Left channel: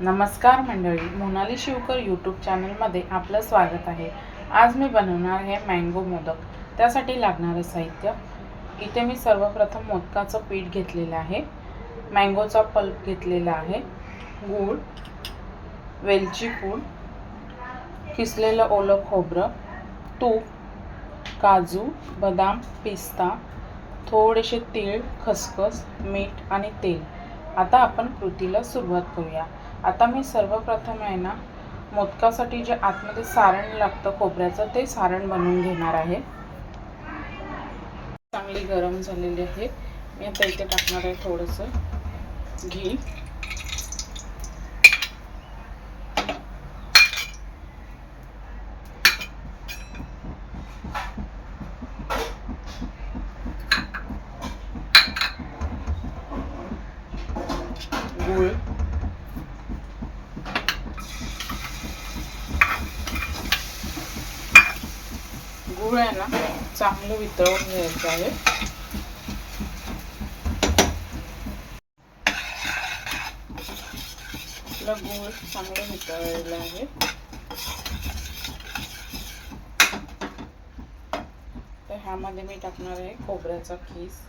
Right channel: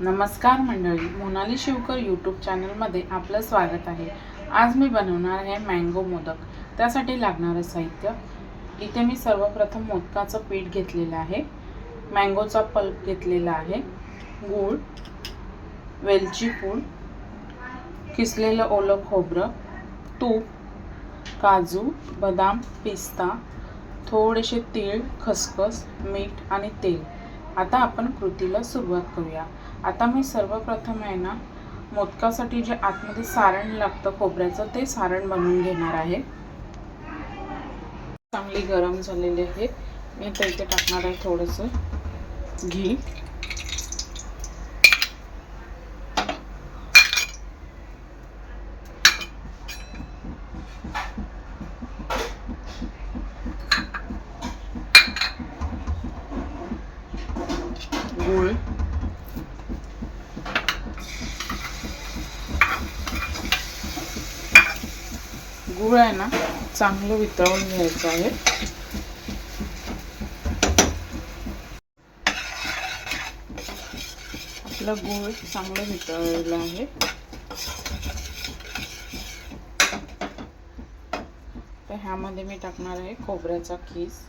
नमस्कार मंडळी मोनाली शिवकर यूट्यूब चॅनलमध्ये आपलं स्वागत आहे. आज मी बनवणार आहे मँगो मोदक. त्यासाठी लागणारं साहित्य. इथे मी सर्वप्रथम मोदकाचं पीठ घेतलेलं आहे. मँगोचा पल्प घेतलेला आहे. गूळ वेलची पूड किसलेलं ओलं खोबरं तूप काजू बदाम पिस्ता थोडेसे तीळ खसखस मीठ आणि तेल. आता आपण कृतीला सुरुवात करूया. आता मी सर्वप्रथम आहे ना मोदकासाठी जे आतमध्ये सारण लागतं खोबऱ्याचं ते सारण बनवून घेणार आहे. चांगली गरम झालेली आहे. मी आता इथे टाकणार आहे थोडंसं घी गूळ गूळ आहे ना चांगलं वितळून घ्यायचं आहे. आपलं गूळ चांगलं वितळलेलं आहे. तर ह्यामध्ये मी टाकणार आहे खोबऱ्याचा खीस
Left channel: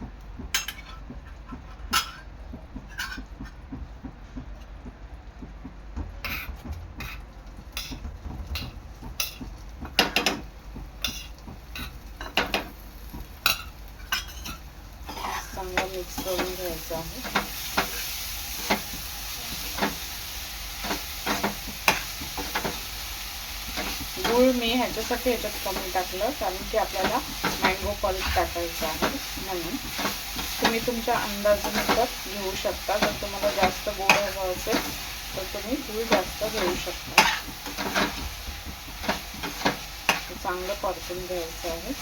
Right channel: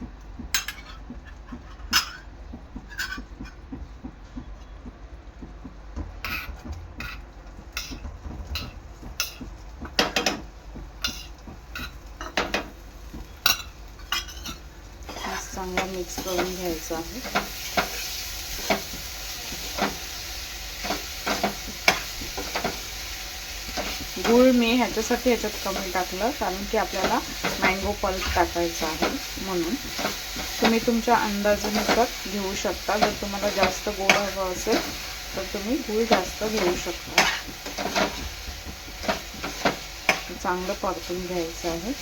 चांगला मिक्स करून घ्यायचा आहे. गूळ मी ह्याच्यासाठी ह्याच्यात कमी टाकलं कारण की आपल्याला मँगो पल्प टाकायचा आहे म्हणून. तुम्ही तुमच्या अंदाजानुसार घेऊ शकता. जर तुम्हाला जास्त गोड हवं असेल तर तुम्ही गूळ जास्त घेऊ शकता. चांगलं परतून घ्यायचं आहे.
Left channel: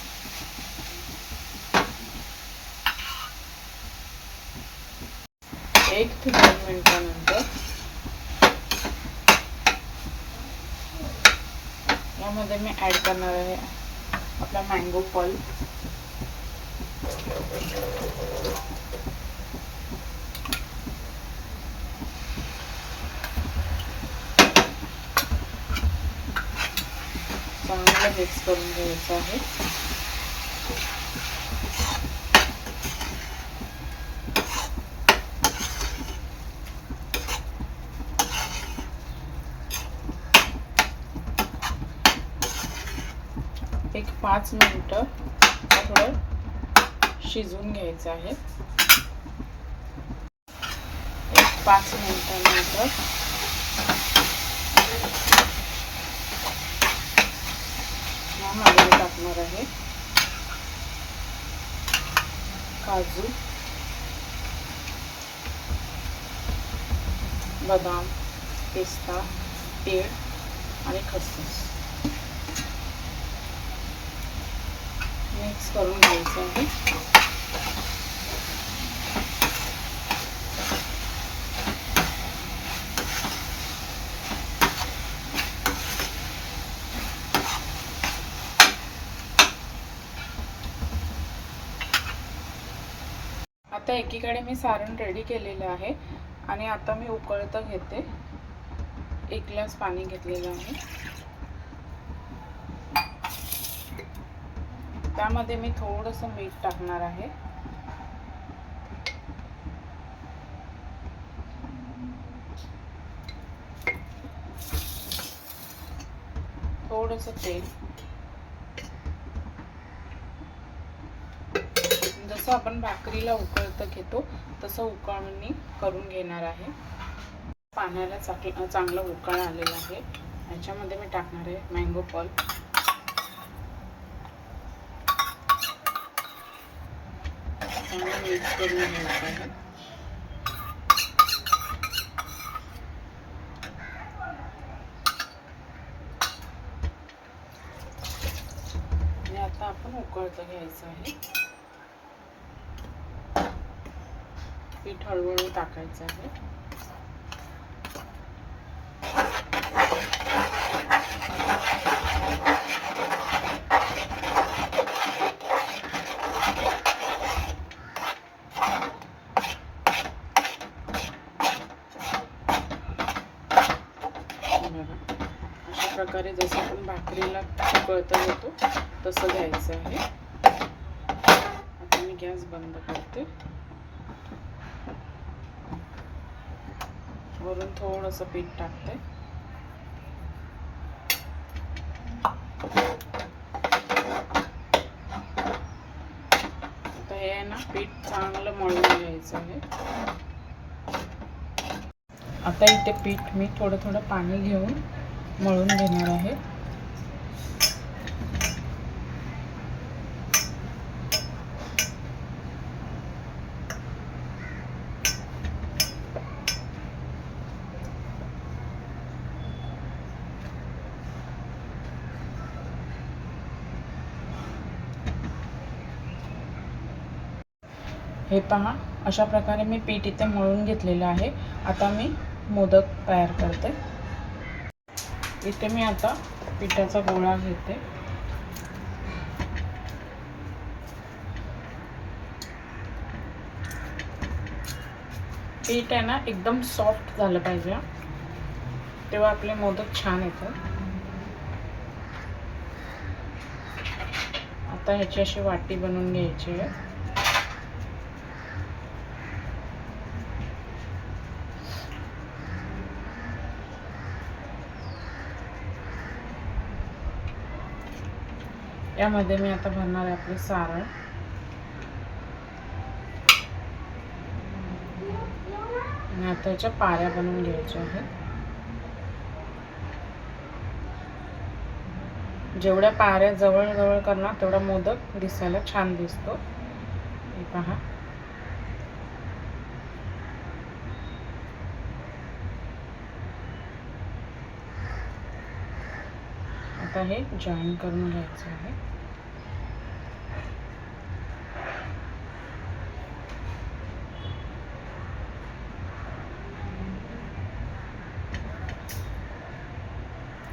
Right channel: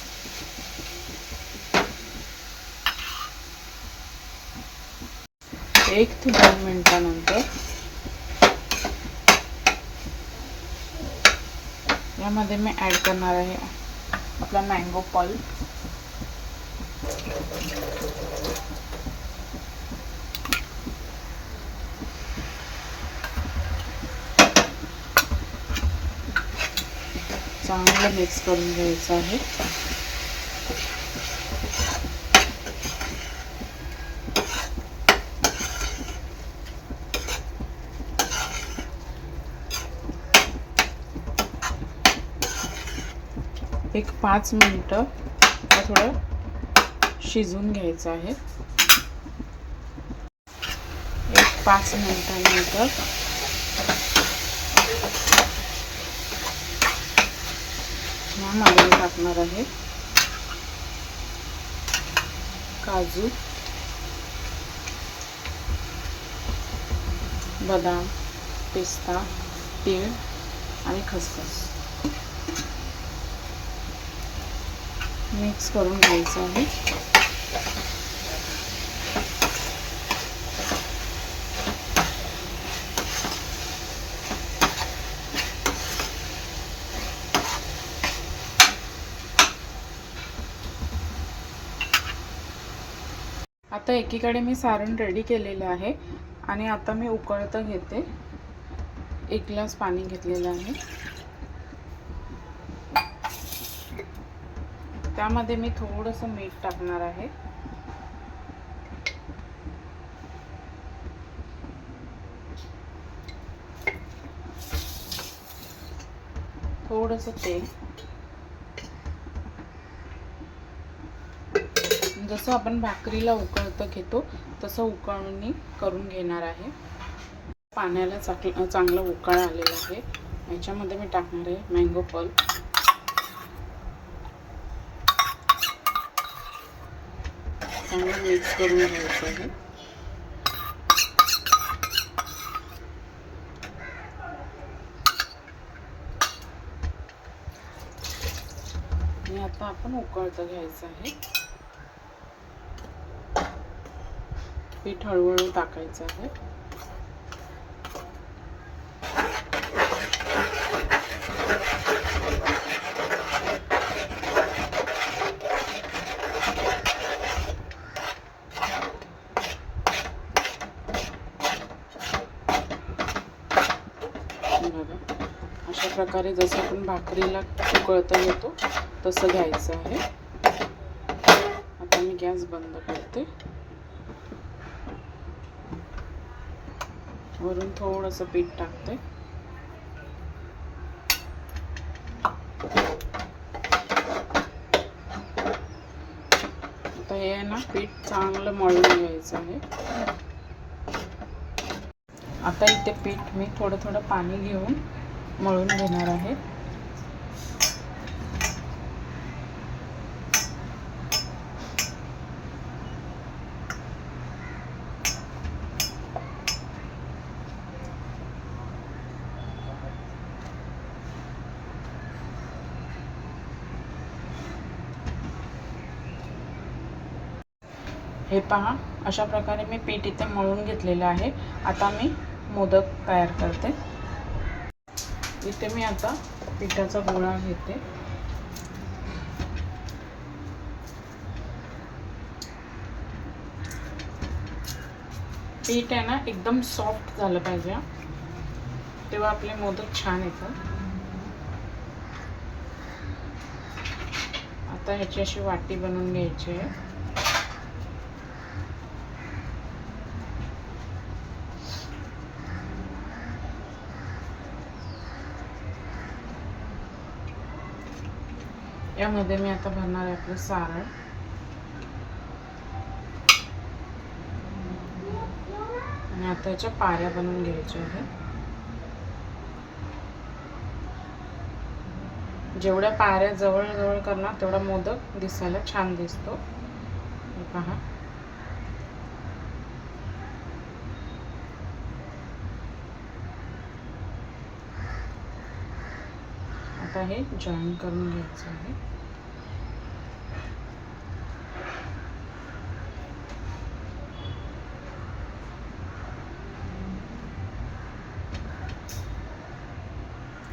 एक ते दोन मिनटानंतर. यामध्ये मी ॲड करणार आहे आपला मँगो पल्प चांगलं मिक्स करून घ्यायचं आहे. एक पाच मिनटं थोडं शिजवून घ्यायचं आहे. एक पाच मिनटानंतर ह्या मागे टाकणार आहे. काजू बदाम पिस्ता तीळ आणि खसखस. मिक्स करून घ्यायचं आहे. आता एकीकडे मी सारण रेडी केलेलं आहे आणि आता मी उकळतं घेते. एक ग्लास पाणी घेतलेलं आहे. त्यामध्ये मी थोडंसं मीठ टाकणार आहे. थोडंसं तेल. जसं आपण भाकरीला उकळतं घेतो तसं उकळणी करून घेणार आहे. पाण्याला चांगलं चांगलं उकळ आलेलं आहे. याच्यामध्ये मी टाकणार आहे मँगो पल्प. चांगलं मिक्स करून घ्यायचं आहे आणि आता आपण उकळतं घ्यायचं आहे. पीठ हळूहळू टाकायचं आहे बघा अशा प्रकारे जसं आपण भाकरीला उकळता घेतो तसं घ्यायचं आहे. आता मी गॅस बंद करते. वरून थोडंसं पीठ टाकते. आता हे आहे ना पीठ चांगलं मळून घ्यायचं आहे. आता इथे पीठ मी थोडं थोडं पाणी घेऊन मळून घेणार आहे. हे पहा अशा प्रकारे मी पीठ इथे मळून घेतलेलं आहे. आता मी मोदक तयार करते. इथे मी आता पिठाचा गोळा घेते. पीठ आहे ना एकदम सॉफ्ट झालं पाहिजे तेव्हा आपले मोदक छान येतात. आता ह्याची अशी वाटी बनवून घ्यायची आहे. यामध्ये मी आता भरणार आहे आपलं सारण आणि आता याच्या पाऱ्या बनवून घ्यायच्या आहेत. जेवढ्या पाऱ्या जवळजवळ करणार तेवढा मोदक दिसायला छान दिसतो. पहा. आता हे जॉईन करून घ्यायचं आहे.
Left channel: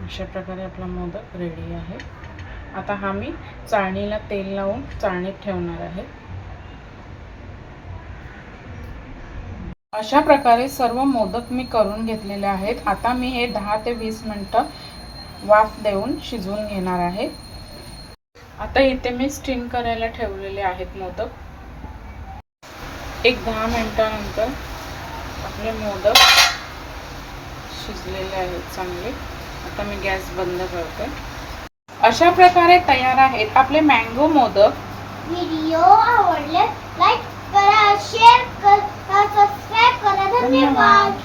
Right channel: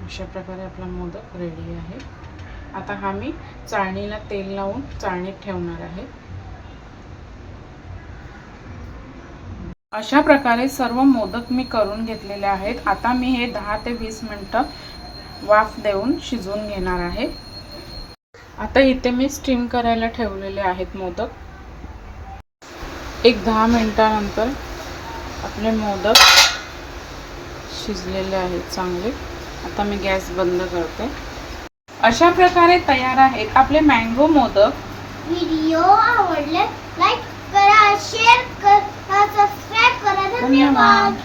अशा प्रकारे आपला मोदक रेडी आहे. आता हा मी चाळणीला तेल लावून चाळणीत ठेवणार आहे. अशा प्रकारे सर्व मोदक मी करून घेतलेले आहेत. आता मी हे दहा ते वीस मिनटं वाफ देऊन शिजवून घेणार आहे. आता इथे मी स्टीम करायला ठेवलेले आहेत मोदक. एक दहा मिनिटानंतर आपले मोदक शिजलेले आहेत चांगले. आता मी गॅस बंद करते. अशा प्रकारे तयार आहेत आपले मँगो मोदक. व्हिडिओ आवडले लाईक करा शेअर करा सबस्क्राईब करा. धन्यवाद.